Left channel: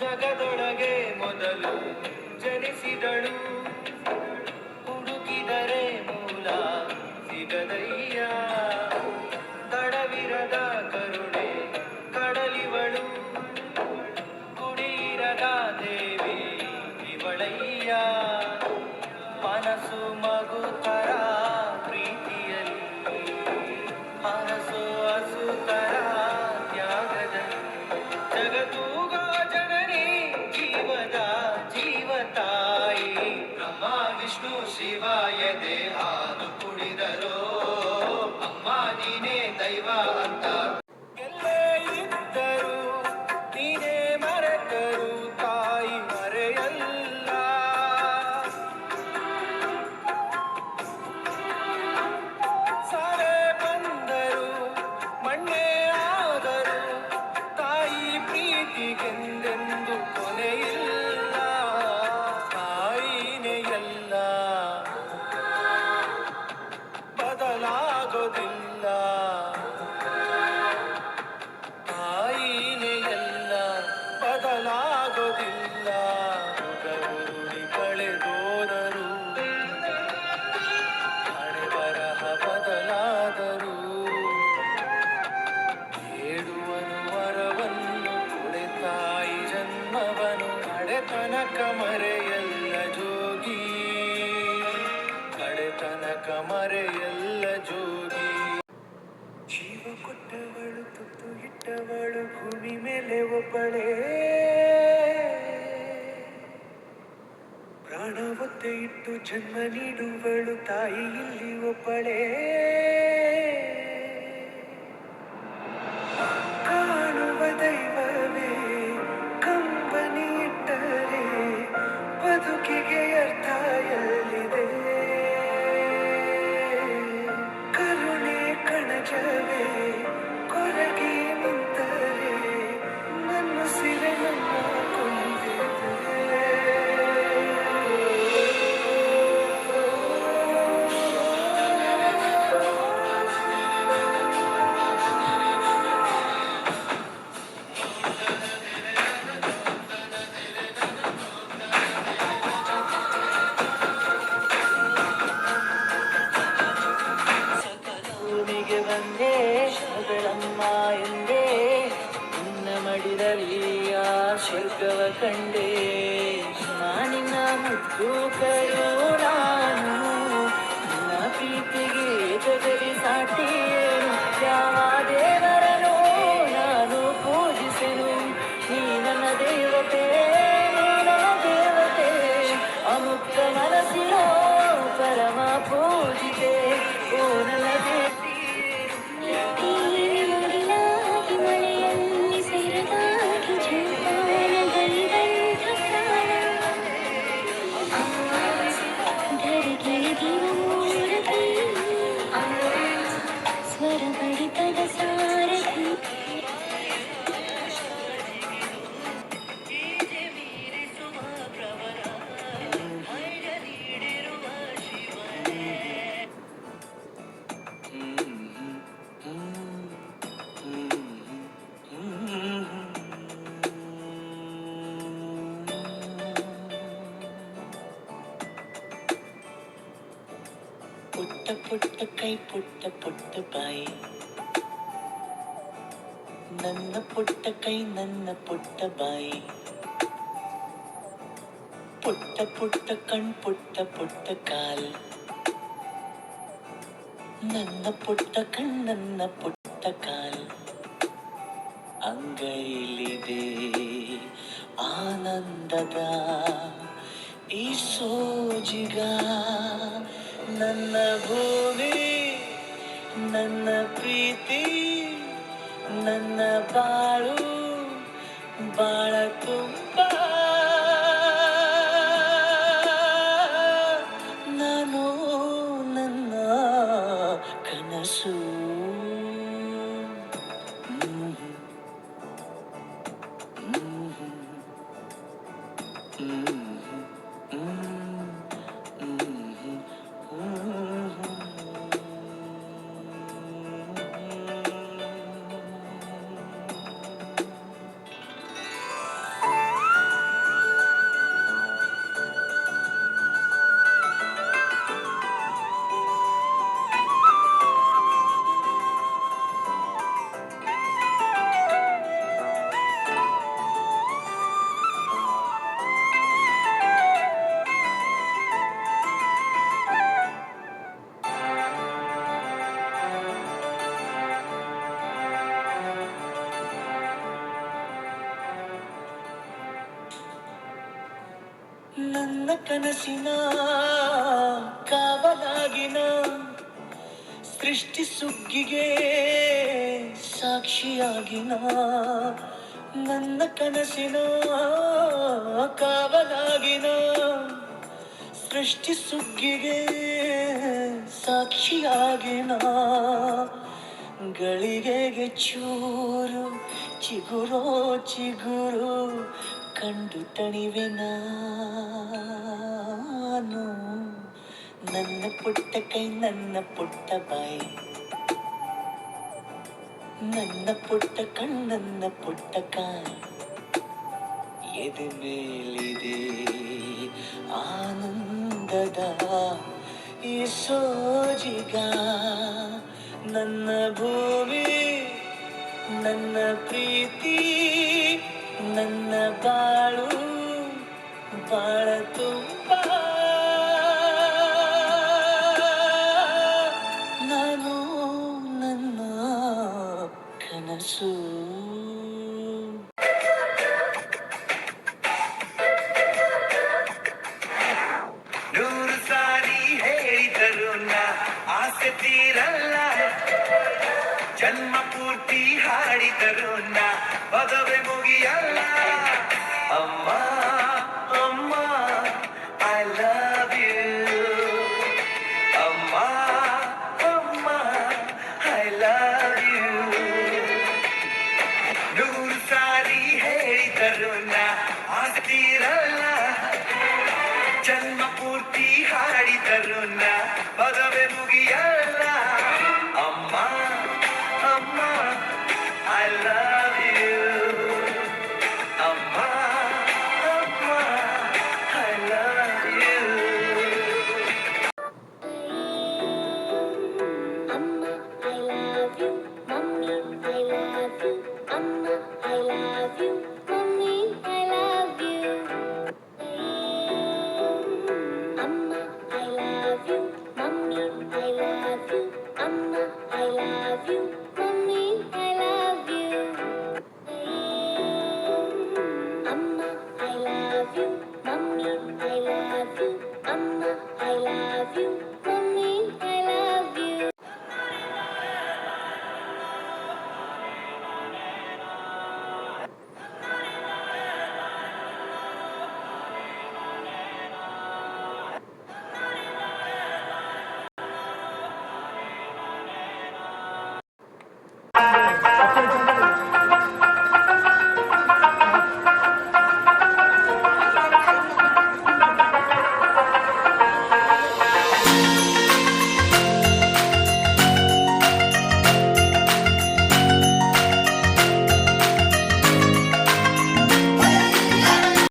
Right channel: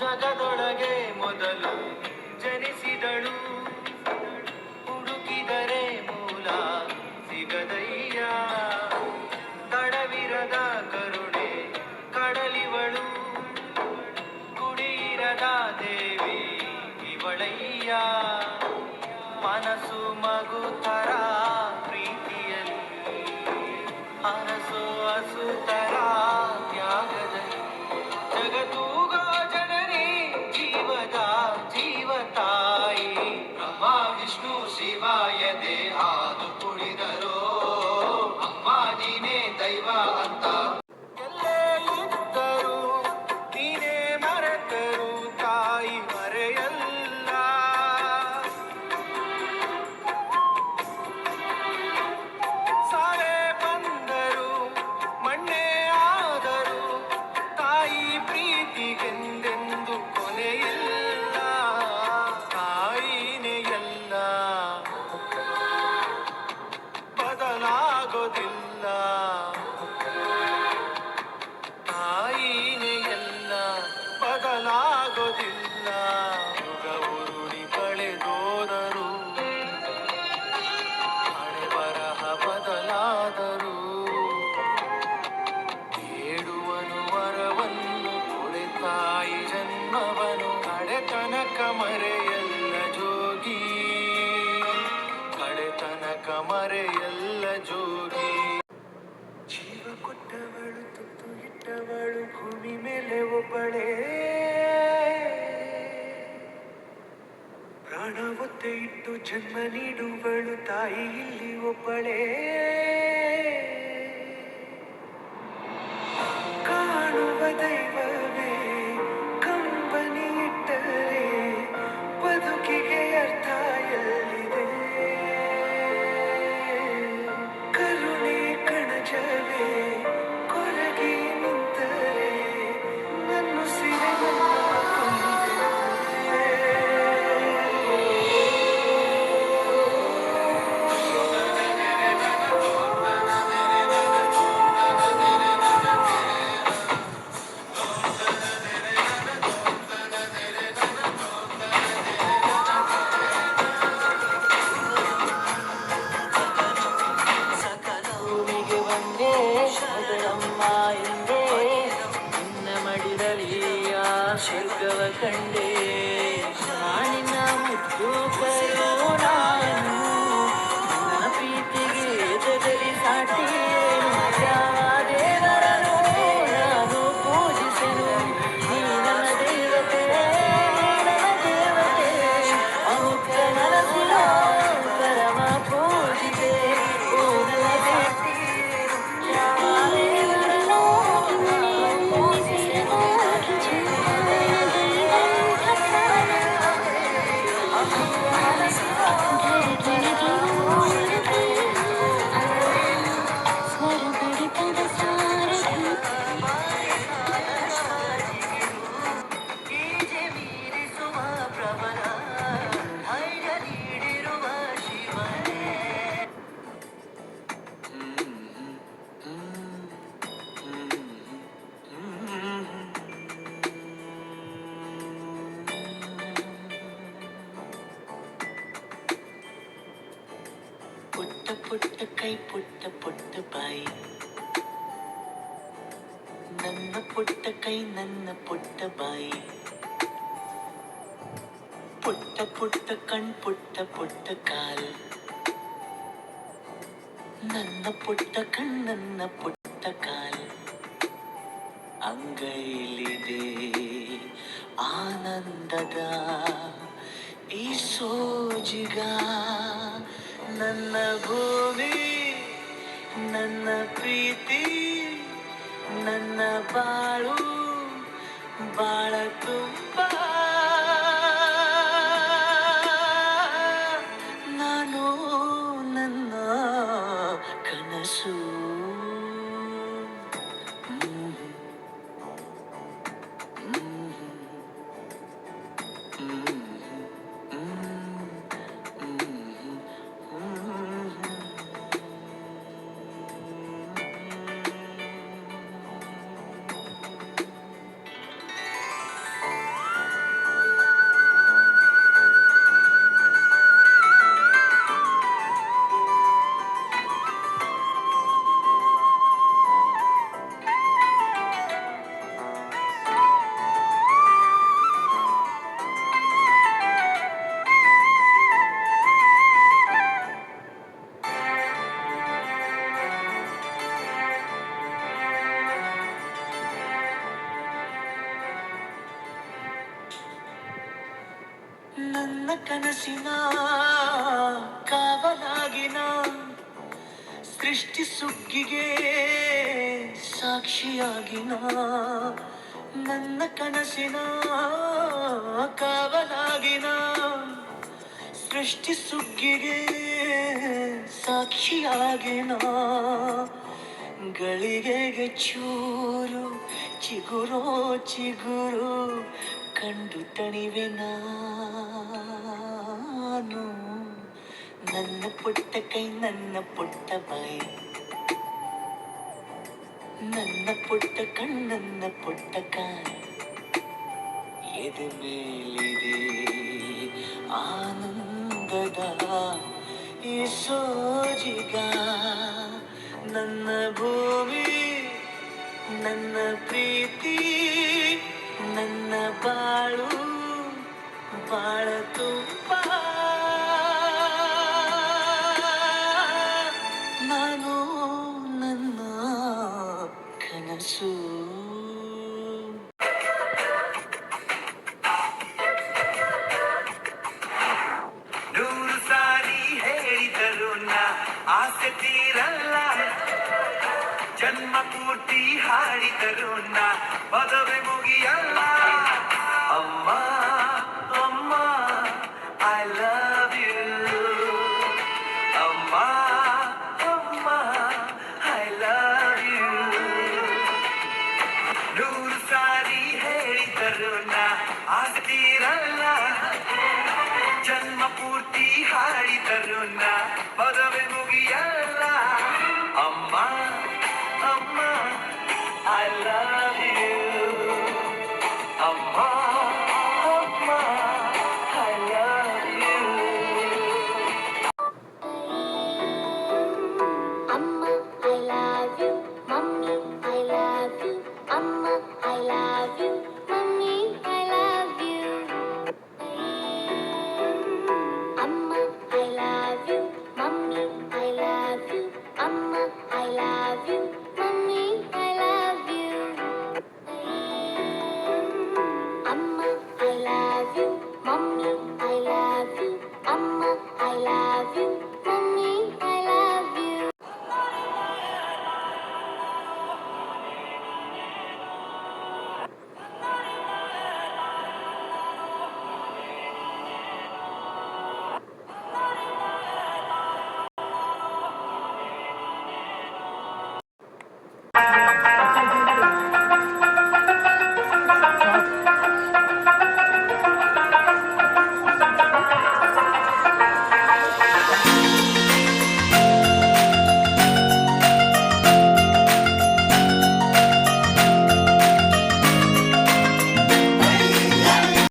ಜಗದೊಳಗೆ ಮೊದಲು ಜನಿಸಿದಳು, ಹುಡುಕಿದರೆ ಮೂಲ ಸಿಗದಯ್ಯ. ತಡವಿರದ ಕರುಣೆ ಕಡಲಿವಳು, ಕುಡಿಯಿರದ ದೇವಿ ಇವಳಯ್ಯ. ಮನಸ್ಸು ಮಗುತರ ಪ್ರೀತಿಯಲ್ಲಿ, ಅರಸು ಹಸುತರ ತ್ಯಾಗದಲ್ಲಿ, ಜಗತ್ತೂಗೋ ಜನನಿ ಜೀವದ ಜೀವತಾಯಿ. ಬ್ರಹ್ಮ ವಿಷ್ಣು ಶಿವ ಎದೆ ಹಾಲು ಕುಡಿದರೋ, ಅಮ್ಮ ನೀನೇ ದೈವ ಅಂತ. ಎಲ್ಲೇ ಇದ್ದರು ನೀನೇ ಮರೆತರು ತಾಯಿ ಮರೆಯಲ್ಲ. ಸಾರೆ ಬಂದರು ಮಣ್ಣೆ ಆದರು, ತಾಯಿ ಪ್ರೀತಿಗೆಂದೆಂದು ಕೊನೆಯಿಲ್ಲ. ತಾಯಿನೇ ಎಲ್ಲ, ಬದಲಾಗೋದಿಲ್ಲ. ತಾಯಿನೇ ಎಲ್ಲ, ಬದಲಾಗೋದಿಲ್ಲ. ಉರುಳಿ ಕಳೆದೋದರು, ಹಣೆ ಬರಹ ಬದಲಾದರು. ಬೇಡುವನು ವರವನ್ನು ಕೊಡೆ ತಾಯಿ ಜನ್ಮವನು, ಕಡೆತನಕ ಮರೆಯಲ್ಲ ಜೋಗಿ, ಕಡೆತನಕ ಮರೆಯಲ್ಲ ಜೋಗಿ. ಜೀವ ಕೊಟ್ಟವಳು ತುತ್ತು ಇಟ್ಟವಳು ಭೂಮಿ ಮೇಲೆ ಒಬ್ಬಳೇ, ಪ್ರಾಣ ಒತ್ತೆ ಇಟ್ಟು ಜನ್ಮ ನೀಡುವಳು ತಾಯಿ ಇಲ್ಲಿ ಒಬ್ಬಳೇ. ಕಾಣುವ ದೈವವೇ ಕಂಬನಿ ಇಟ್ಟರೆ ಬದುಕಿಗೆ ಅರ್ಥ ಎಲ್ಲಿದೆ. ಕರುಣೆ ಕಣಜವೇ ಕೊರಗಿ ನಿಂತರೆ ನನ್ನ ಸಿರೆ ನನ್ನ ಕೊಂದಿದೆ. ಭೂಮಿಗೆ ಬಂದೆ ಮಗಳಮ್ಮ ಎಂದೇ, ನಿನ್ನ ಮಡಿಲಲ್ಲಿಯ ಸ್ವರ್ಗವ ಕಂಡೆ. ನಾನಿನ ಮುದ್ದು ಕರೆಯೋ ನಾನು, ನನ್ನ ಪ್ರೀತಿಗೆ ಜಗಲಿ ಸಾಟಿ. ಯಾವ ದೇವರನು ನಾನು ಪೂಜಿಸಲು, ನೀ ನನ್ನ ದೇವತೆ, ನನ್ನ ದೇವತೆ. ಅಮುಕ್ತ ಮನಸ್ಸಿನ ಪರಮ ಪೂಜಿತೆ, ಓ ನನ್ನ ಪುಟ್ಟ ಪುಟ್ಟ ಕೈ ಪುಟ್ಟ ಪುಟ್ಟ ಬಾಯಿ, ನನ್ನ ಪುಟ್ಟ ಕೈ ನನ್ನ ಪುಟ್ಟ ಬಾಯಿ. ಪುಟ್ಟ ಪುಟ್ಟ ಕಣ್ ಪುಟ್ಟ ಪುಟ್ಟ ಕಾಲ್, ನನ್ನ ಪುಟ್ಟ ಕಣ್ ನನ್ನ ಪುಟ್ಟ ಕಾಲ್. ಅಂಗೈಲಿದೆ ಆನಂದದ ಈ ಸೋಜಿಗ, ನನ್ನ ಭೂಮಿ ನನ್ನ ಪ್ರೀತಿ ನನ್ನ ಬಾಳು ಬಾಳ ತುಂಬ. ನಾನು ನನ್ನ ಕನಸು. ನನ್ನ ಕನಸಿನ ಕಾವಲಾಗಿನ ಸೃಷ್ಟಿ ಸುಗ್ಗಿಗೆ ಸಾಕ್ಷಿಯಾಗಿನ ನನ್ನ ಕನಸಿನ ಕಾವಲಾಗಿನ ಸೃಷ್ಟಿ ಸುಗ್ಗಿಗೆ ಸಾಕ್ಷಿಯಾಗಿನ ಗಳಿಗೆಗೆ ಚೂರು ಚಿಗುರೋ ಚಿಗುರು ಕಂಡು ತಣಿವೆ ನಾನು ನನ್ನ ಪುಟ್ಟ ಕೈ ನನ್ನ ಪುಟ್ಟ ಬಾಯಿ ನನ್ನ ಪುಟ್ಟ ಕಣ್ಣನ್ನ ಪುಟ್ಟ ಕಾಯಿ ಎದೆ ಮೇಲಿದೆ ಆನಂದದ ಈ ಸೋಜಿಗ ನನ್ನ ಭೂಮಿ ನನ್ನ ಪ್ರೀತಿ ನನ್ನ ಬಾಳು ಬಾಳ ತುಂಬ ನಾನು ನನ್ನ ಕನಸು ನೂರು ಸಾರಿ ಹೇಳಿದರು ನಾ ಆಸೆ ತೀರಲ್ಲ ಜನ್ಮ ಪೂರ್ತಿ ಹಾಡಿದರು ನಾ ಪದವೇ ಮುಗಿಯಲ್ಲ ಅಮ್ಮ ಅಮ್ಮ ಐ ಲವ್ ಯು ಅಮ್ಮ ಅಮ್ಮ ಐ ಲವ್ ಯು ನೂರು ಸಾರಿ ಹೇಳಿದರು ನಾ ಆಗ್ತಿರಲ್ಲ ಜನ್ಮ ಪೂರ್ತಿ ಹಾಡಿದರು ನಾ